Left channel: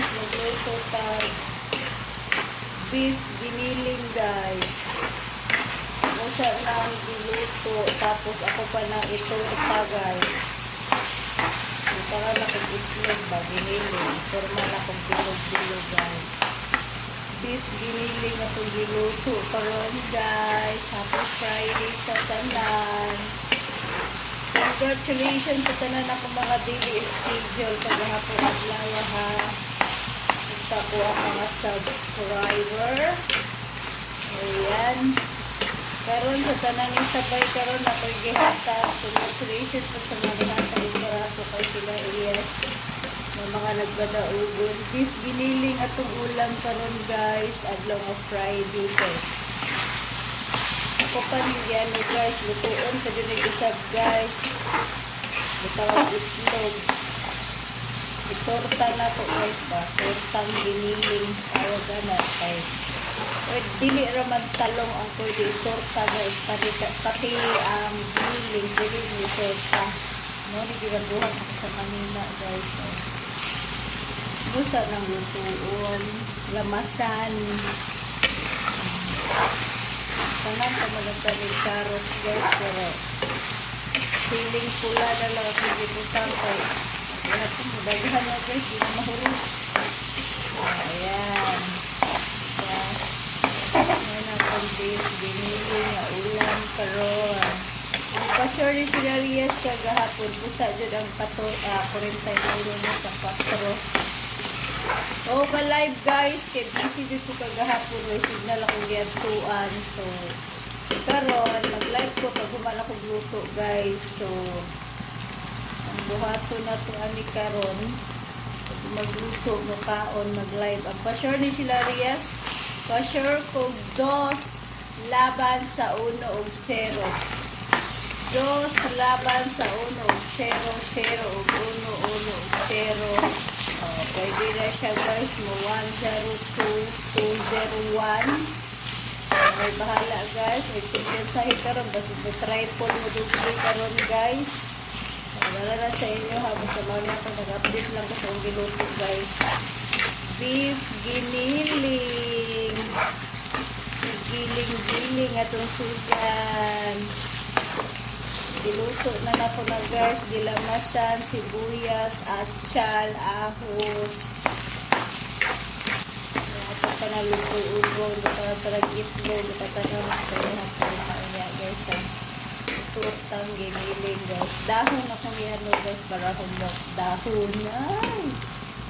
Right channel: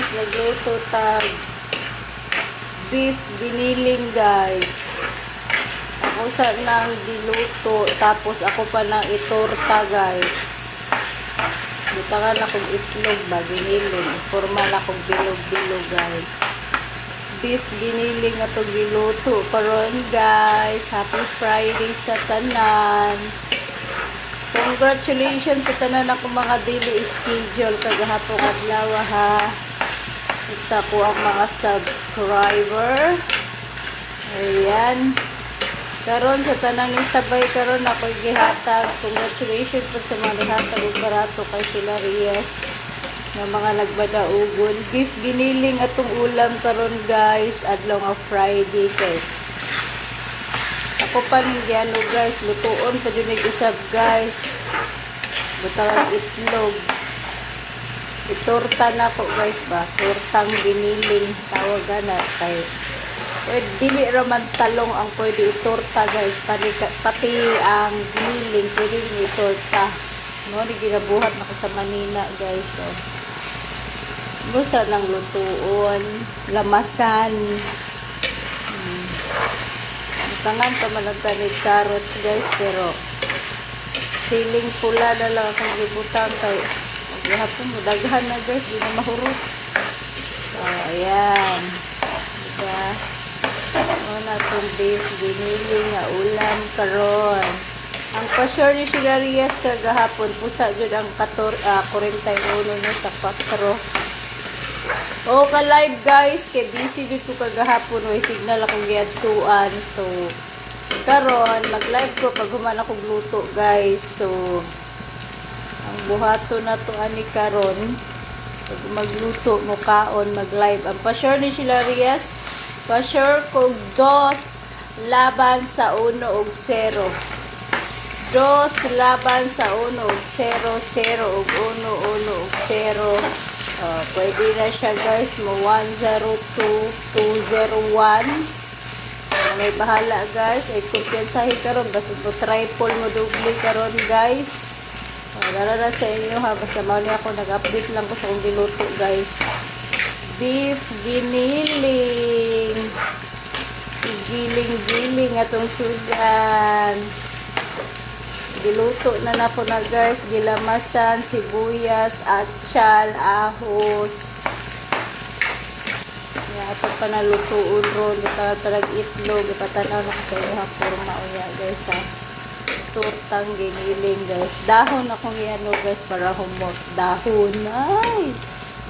guys, magluto tag beef giniling guys. Ako sa nang diluto, tapos ako pa nang itorta guys. Butangan na kong itlog ba, giniling. Forma na kong bilog-bilog guys. Beef giniling na to giluto karon guys. Happy Friday sa tanan. Congratulations sa tanan ako mga daily schedule kagahapon adlaw ha. Sa ko ang mga subscriber. Ayan. Karon sa tanan ni sabay karon ako gihatag. Congratulations po sa mga gihatag og barato kay sila Reyes na mga nagbadaugon. Beef giniling atong ulam karon guys adlaw nga Friday kay. Ako pa ninyo ano guys, lutuon pa din usab guys. Butawag itlog. Itorta na po guys ba. Tortang giniling tawagan na kay. Dili raman talong ang pwede itorta guys. Pati ang giniling pwede itorta. No, di ginabuhat na sa Manila guys. So, gusto lang lutuon. Lamasan. Tangan pa malagtanid carrots guys, pero siling pula na lang akong gibutang kay hapon mo daghan na guys, di na mahurot. Ayan diba ano na itong beef giniling nga ulam karon. Ang pa-sure ni Sigarias kagahapon pusa dyan ang 41 na sa 4. O ka-live guys, kay busy dito kagahapon o signal akong giadtuan. So, karon mag-live ko pag human akong luto guys. So, ang buhato na to ani karon. Pag magluto mo kaon, mag-live. Ang pa-sure ni Hilarias, pa-sure ko 2 laban sa 1 og 0. 2 laban sa 1 og 0, 0 og 1, 1 og 0. Pwede na siya guys mo 102, 201. May bahala guys. Ay kumpiyansahin karon basta po triple mo double karon guys. Wala na sa inyo ha. Basta mali ako nag-update lang ko sa kong diluto guys. Beef giniling. Giling-giling atong sudan. Diluto na po na guys, gilamasan, sibuyas, atsal, ahos. Ito pa na lutuon ron, italag itlog, ipatanaw na sa iyo forma uya guys ha. Tortang giniling guys. Dahon akong yan guys para humot. Dahon, ay!